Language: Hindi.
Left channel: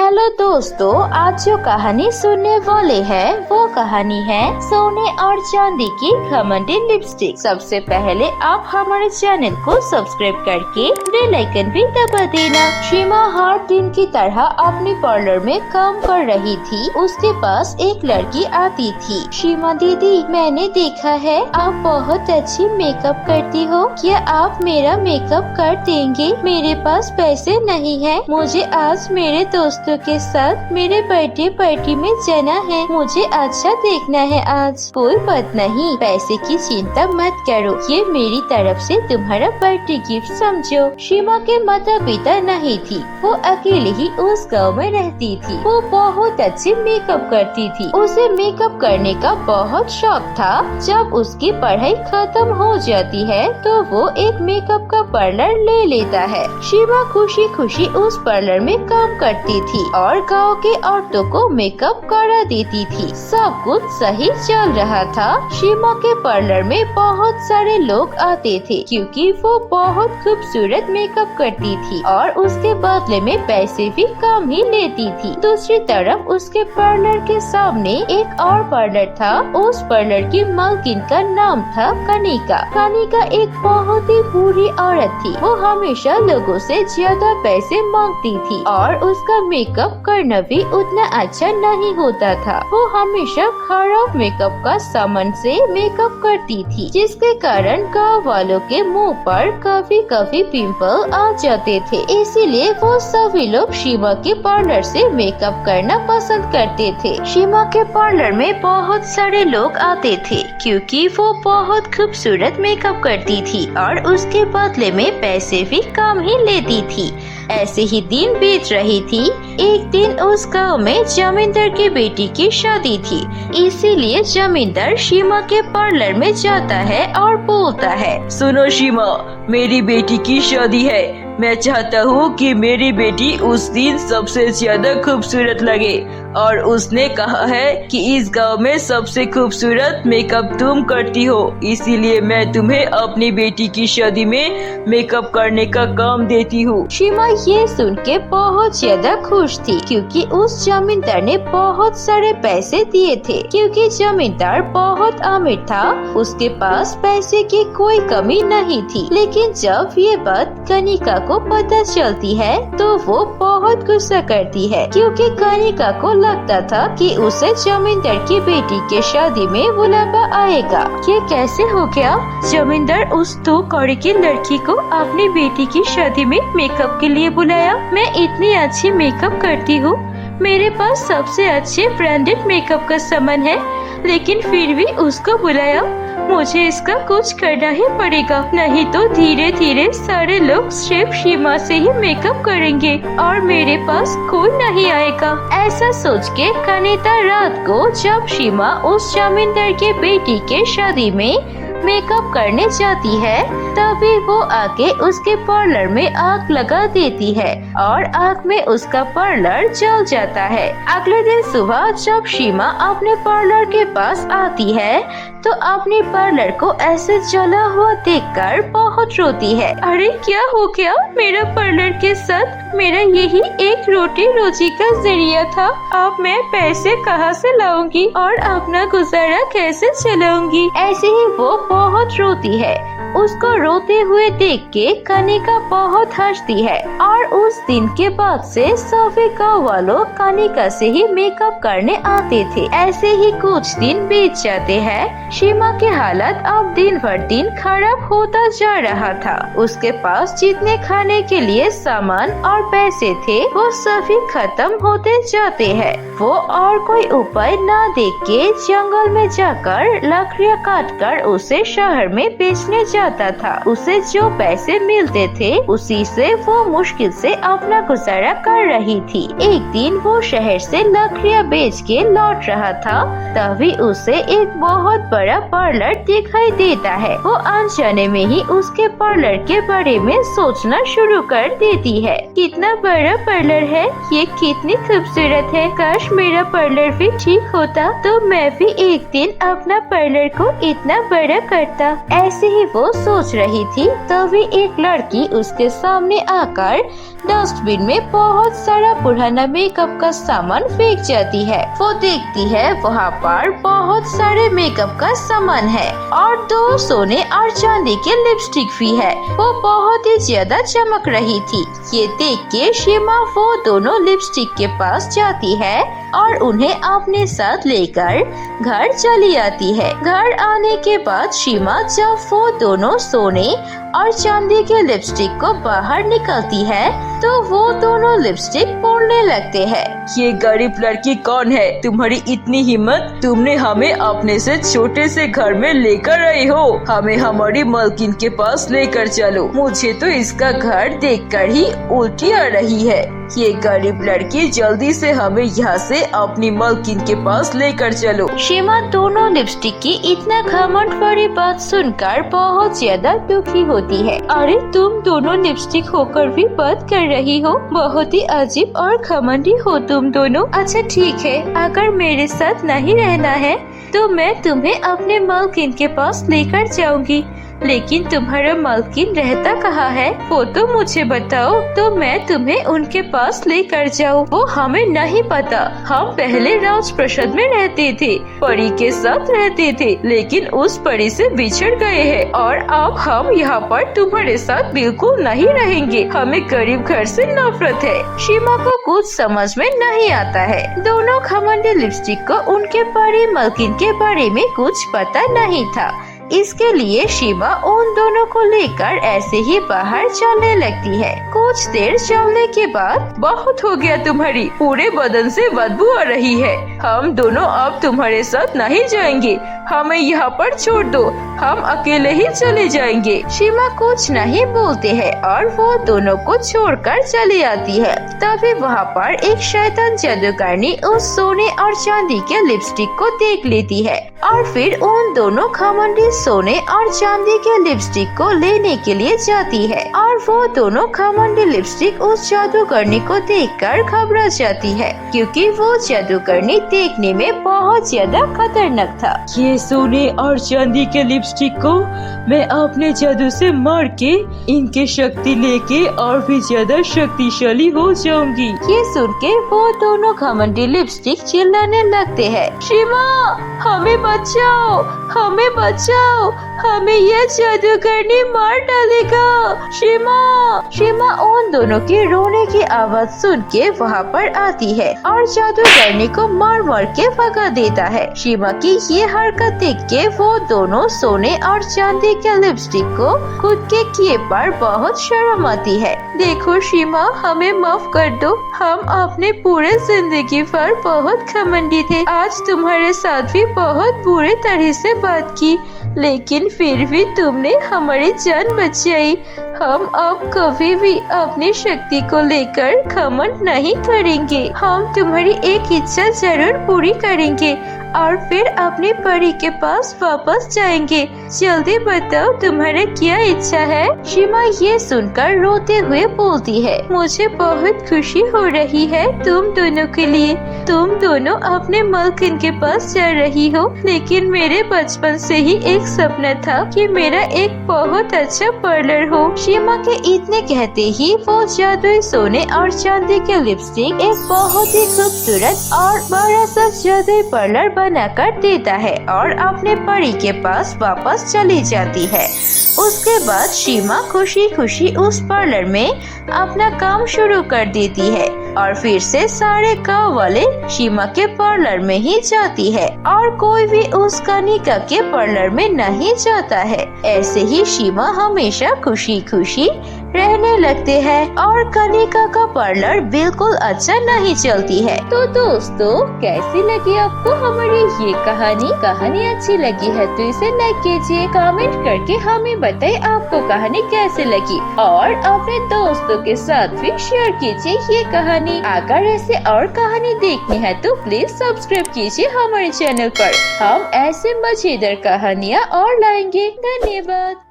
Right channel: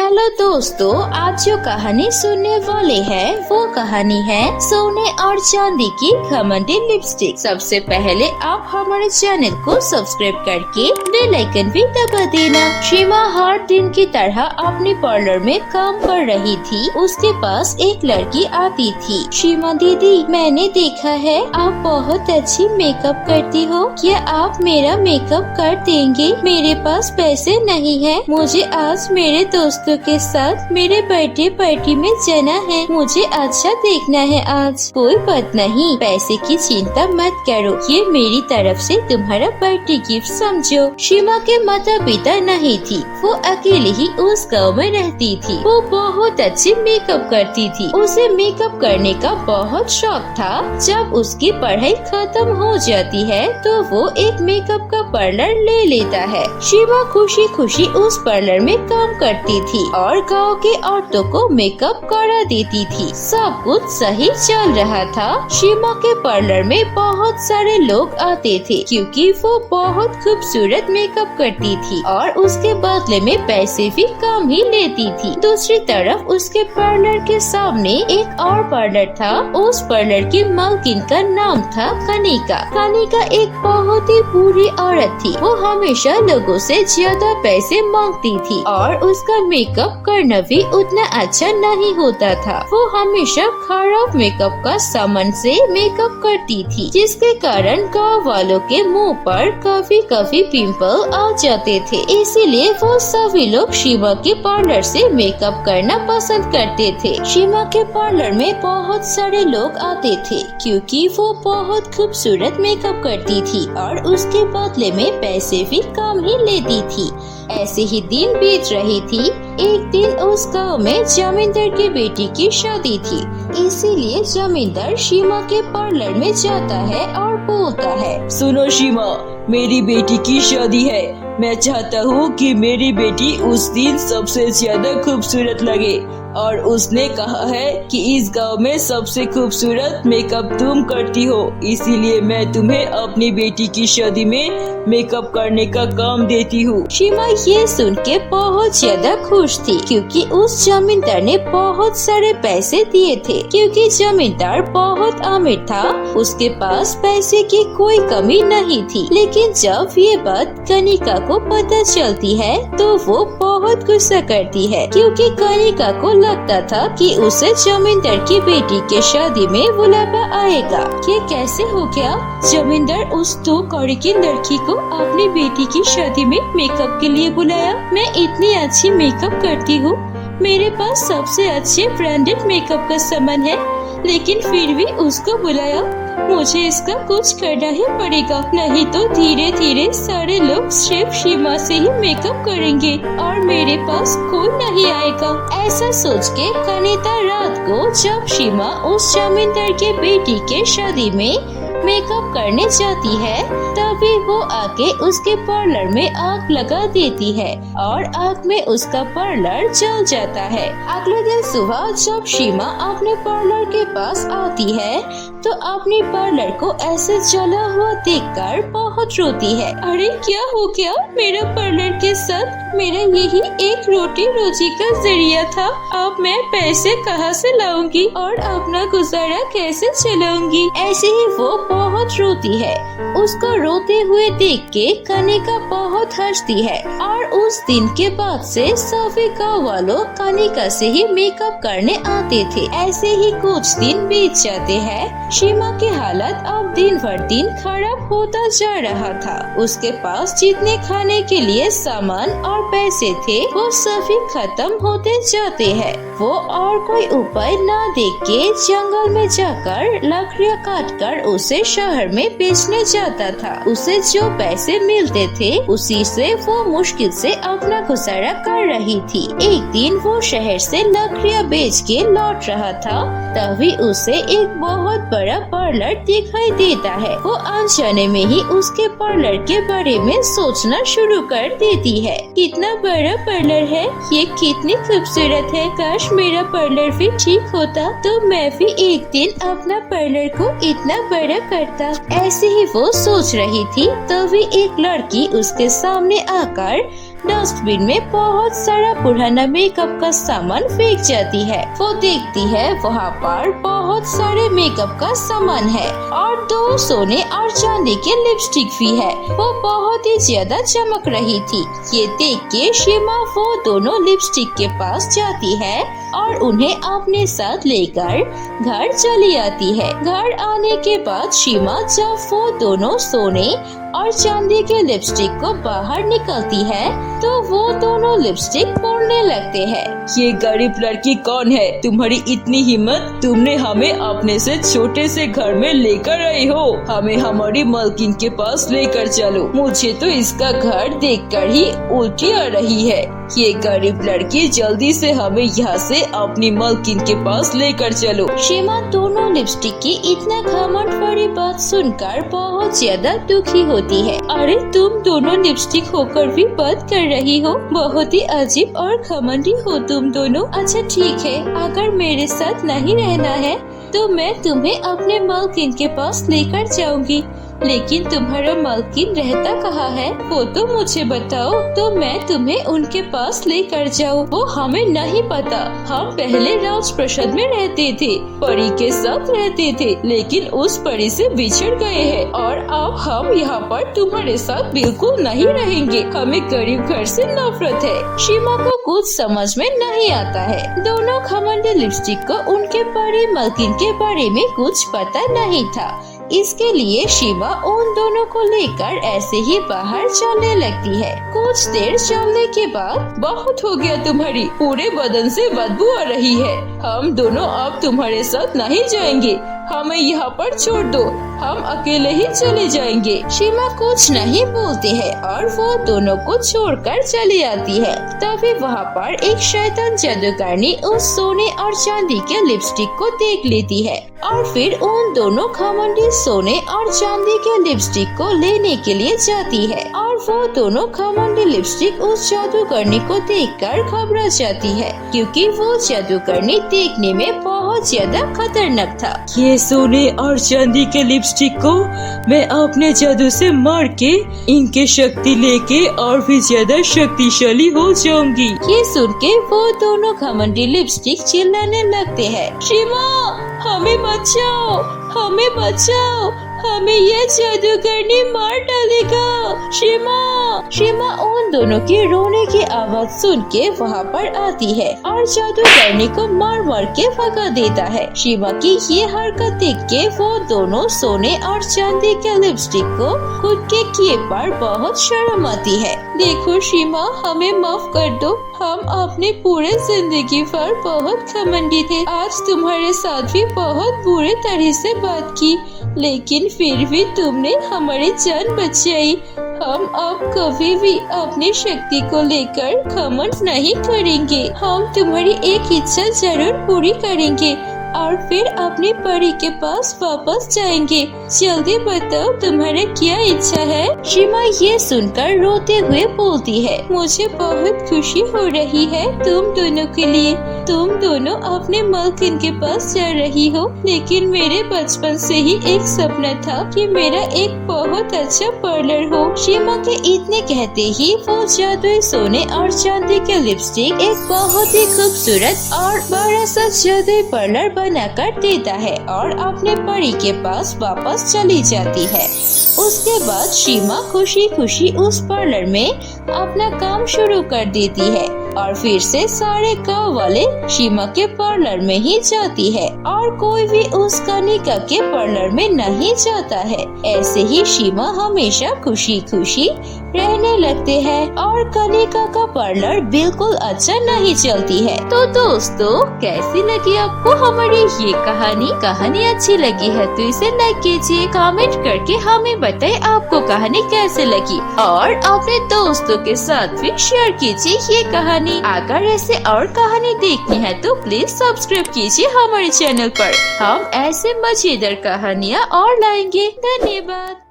हेलो दोस्तों, आज जो कहानी सुनने वाले हैं वो कहानी है सोने और चांदी की घमंडी लिपस्टिक। सबसे पहले आप हमारे चैनल को सब्सक्राइब करके बेल आइकन भी दबा देना। शिमा हर दिन की तरह अपने पार्लर में काम कर रही थी। उसके पास एक लड़की आती थी। शिमा दीदी, मैंने देखा है आप बहुत अच्छी मेकअप करती हो, क्या आप मेरा मेकअप कर देंगे? मेरे पास पैसे नहीं है, मुझे आज मेरे दोस्तों के साथ मेरे बर्थडे पार्टी में जाना है, मुझे अच्छा देखना है आज। कोई बात नहीं, पैसे की चिंता मत करो, ये मेरी तरफ से तुम्हारा बर्थडे गिफ्ट समझो। शिमा के माता पिता नहीं थी, वो अकेली ही उस गांव में रहती थी। वो बहुत अच्छे मेकअप करती थी, उसे मेकअप करने का बहुत शौक था। जब उसकी पढ़ाई खत्म हो जाती है तो वो एक मेकअप का पार्लर ले लेता है। शिमा खुशी खुशी उस पार्लर में काम करती थी और गांव के औरतों को मेकअप करा देती थी। सब कुछ सही चल रहा था। शिमा के पार्लर में बहुत सारे लोग आते थे क्योंकि वो बहुत खूबसूरत मेकअप करती थी और उसके बदले में पैसे भी कम ही लेती थी। दूसरी तरफ उसके पार्लर के सामने एक और पार्लर था। उस पार्लर की मालकिन का नाम था कनिका। कनिका एक बहुत ही बुरी औरत थी। वो हमेशा लोगों से ज्यादा पैसे मांगती थी और उसका मेकअप करना भी उतना अच्छा नहीं होता था। वो हमेशा खराब मेकअप का सामान से मेकअप करती थी, जिसके कारण गाँव वालों के मुंह पर कभी कभी पिंपल आ जाते थे। इसीलिए वो सभी लोग शिमा के पार्लर से मेकअप करना पसंद करते थे। शिमा के पार्लर में बहुत सारे लोग आते थे क्योंकि वो बहुत खूबसूरत मेकअप करती थी और उसके बदले में पैसे भी कम ही लेती थी। ऐसे ही दिन बीत रही थी। एक दिन उस गांव में जमींदार की बेटी की शादी थी, इसीलिए जमींदार शिमा के पार्लर में जाता है और बोलता है, सुनो शिमा, मेरी बेटी की शादी है। मैं चाहता हूँ कि मेरी बेटी उस दिन सबसे ज्यादा खूबसूरत लगे और उसने कहा है कि इस गांव में सबसे खूबसूरत मेकअप तुम करती हो, इसीलिए मैं तुम्हें अपनी बेटी की शादी में मेकअप करने का काम देती हूँ। शिमा ये सुन के बहुत ज्यादा खुश थी क्योंकि उस जमींदार ने बहुत सारे पैसे दिए थे। क्योंकि जमींदार बहुत अमीर था, उसके पास पैसे की कोई कमी नहीं थी। लेकिन जब ये बात कनिका को पता चलती है तो वो बहुत गुस्सा करती है क्योंकि कनिका को लगता था कि उसे जमींदार की बेटी के शादी में बुलावा आएगा। ये कैसे हो गया? जमींदार उस 2 कौड़ी की लड़की को अपनी बेटी की शादी में मेकअप के लिए बुलाया। मैं इतनी अच्छी मेकअप करती हूँ, मेरे पास सबसे अच्छे ब्रांडेड मेकअप का सामान है, लेकिन फिर भी उसको बुलाया। मुझे इसका कुछ करना ही पड़ेगा, नहीं तो धीरे धीरे सारे लोग सिर्फ शिमा से ही मेकअप करेंगे और मेरे पास कोई नहीं आएगा। ऐसा सोच के कनिका रात को जब शिमा उस जमींदार की बेटी के शादी में मेकअप करने जाती है, तभी वो आके उसके पार्लर में आग लगा देती है और आग में उसका पार्लर जल जाता है। अगले दिन सुबह जब शिमा अपने पार्लर के पास आती है तो अपने पार्लर को ऐसे जला हुआ देखकर बहुत रोती है। अरे क्या हो गया? मेरा पार्लर के साथ मेरा यही एक रोटी रोजी का जरिया था, अब मैं पैसे कहाँ से लाऊंगी और अपना गुजारा कैसे चलाऊंगी? ऐसे ही वो बहुत रोती है। उसको रोते हुए देख के कनिका बहुत हंसती है और उस दिन के बाद से सभी गाँव वालों कनिका से ही मेकअप करने आते थे। ऐसे ही कुछ दिन बीत जाते हैं। शिमा की हालत अब दिन भर दिन खराब होता जा रहा था। उसके पास जितने खाने के लिए सामान और पैसे थे वो सभी खत्म होते जाते हैं। वो और कोई उपाय न देख के जंगल में जाकर लकड़ियाँ काटकर उसे शहर में बेचने जाता था। उसे जो पैसे मिलते थे उसी से वो मुश्किल से अपना गुजारा कर रही थी। एक दिन वो शहर से लकड़ियाँ बेच के लौट रहा था, तभी उसे एक बहुत बड़ा पार्लर दिखाई देता है। वो अनजाने में ही उसके पार्लर के बारे में सोचना शुरू कर देती है। कितना बड़ा पार्लर है, ये कितनी खूबसूरत है। काश मेरा पार्लर भी ठीक होता तो मैं भी एक दिन अपना पार्लर को इतना बड़ा करता। ऐसे ही वो सोच रही थी, तभी एक लड़की उसके सामने आकर डस्टबिन में बहुत सारा पुराना मेकअप का सामान फेंक जाती है। वो देखती है वहाँ पर बहुत सारे मेकअप का सामान है और 2 सोने और चांदी के लिपस्टिक भी है। वो बहुत ही ज्यादा चमक रही थी। ये देख के सीमा वो दोनों लिपस्टिक के पास जाती है और उन्हें अपने साथ लेकर घर चली आती है। घर आने के बाद सीमा जब वो दोनों सोने और चांदी के लिपस्टिक को बाहर निकलती है तो वो दोनों लिपस्टिक फोड़ने लगते हैं। ये गरीब लड़की कौन है? तुम्हारी इतनी हिम्मत? तुमने हमें अपने से छोटे से घर में लेकर आए हो। हमें हमारी मालकिन के पास लेकर चलो। मुझे तो इसका घर देखकर ही उल्टी आ रही है। ये गरीब लड़की, जल्दी से हमें यहाँ से अपनी मालकिन के पास लेकर चलो। सीमा दोनों लिपस्टिक की इतना घमंड भरी बात सुनकर बहुत ज्यादा दुखी होती है। अरे तुम दोनों लिपस्टिक होकर भी बात कर रही हो, बहुत ही अजीब और घमंडी हो तुम दोनों। अच्छा ठीक है, अगर मेरे साथ नहीं रहना है तो मैं तुम्हें अपने मालकिन के पास लेकर जाऊंगी, लेकिन तुम्हारा मालकिन रहता कहाँ है वो तो मुझे बताओ, तो मैं तुम्हें उनके पास लेकर जाऊँ। वो हमें नहीं पता। हम पहले राजप्रसाद में रहते थे, परी के साथ रहते थे, लेकिन उस परी से बिछड़ गए हैं और अब हम यहाँ पर तुम्हारे साथ बिल्कुल नहीं रहेंगे। हमें गरीब घर से नफरत है। सीमा को कुछ समझ में नहीं आता है। दोनों घमंडी लिपस्टिक को उनके परी मालकिन के बारे में कुछ पता नहीं था। इसके लिए सीमा उन दोनों को लेकर ऐसे ही बाहर चलने लगती है। कुछ देर चलने के बाद, बहुत हो गया तुम्हारी, पूरे बदन से बदबू आ रही है। हम दोनों अब तुम्हारे साथ नहीं जाएंगे। हमें यहाँ पर छोड़ दो, हम अकेले ही चले जाएंगे। सीमा कुछ नहीं बोलते हैं और वो दोनों को छोड़कर चली आती है। तभी वहाँ पर एक शैतान जादूगरनी उस सोने और चांदी के लिपस्टिक को देख लेती है और फिर उन दोनों घमंडी सोने और चांदी के लिपस्टिक को लेने के लिए जाती है और वो दोनों घमंडी लिपस्टिक उस जादूगरनी को देखकर घबरा जाती है, क्योंकि वो जादूगरनी देखने में बहुत ज्यादा खतरनाक था। ये सोने और चांदी के लिपस्टिक को मैं अपने जादू से मार के इनके शक्ति लेके और भी ज्यादा शक्तिशाली हो जाऊंगी। ये सुन के वो दोनों घमंडी लिपस्टिक चिल्लाने लगते हैं, सीमा हमें बचाओ, हमें बचाओ, हमें यह जादूगरनी मार डालेगा। सीमा उन दोनों के रोने की आवाज सुन के वहाँ पर आती है और जादूगरनी को मार मार के भगा देता है। सीमा की ये हरकत देख के वो दोनों सोने और चांदी के लिपस्टिक को खुद के किए पर बहुत शर्म आती है। देखो सीमा, हमें माफ कर दो, हम अपने पूरे जिंदगी भर बहुत घमंडी थे। आज तुम्हारे साथ भी बहुत बुरे तरह से बात की, लेकिन फिर भी तुमने हमारी जान बचाई। हम अब कभी भी अपनी शक्ति को लेकर घमंड नहीं करेंगे। हम तुम्हारी एक इच्छा जरूर पूरी करेंगे और फिर अपने परी के पास वापस जाएंगे। जल्दी बताओ तुम्हारा क्या इच्छा है? सीमा ये सुनकर रोते हुए बोलती है, मुझे बहुत खुशी हो रही है तुम दोनों के लिए। तुम दोनों अपने मालकिन के पास जा रही हो, लेकिन मेरे बचपन से ही एक सपना था कि मेरा एक बहुत अच्छा पार्लर हो। सीमा के इतने कहते ही वो जादुई सोने और चांदी के लिपस्टिक एक बहुत ही खूबसूरत और बड़ा सा जादुई पार्लर बनाकर देता है और अपने परी के पास वापस चली जाती है। उसके बाद सीमा खुशी खुशी उस पार्लर में अपना काम शुरू कर देती है और फिर से सारे गाँव वाले सीमा के पार्लर में ही जाती है और कोई भी उस कनिका के पार्लर में नहीं जाता है। ऐसे ही सीमा हमेशा खुशी खुशी रहने लगते हैं और कनिका का पार्लर बिल्कुल अच्छा नहीं चलती है। तो दोस्तों, कैसी लगी आपको हमारी ये कहानी अच्छी लगी है तो इसे लाइक कीजिए, कमेंट करके हमें बताइए आपको कहानी कैसे लगी और अपने दोस्तों के साथ भी शेयर कीजिए ये कहानी। अगर ऐसे और कहानी देखनी है तो प्लीज सब्सक्राइब कीजिए हमारे चैनल पर। हम ऐसे मजेदार कहानियाँ और लाएंगे। धन्यवाद।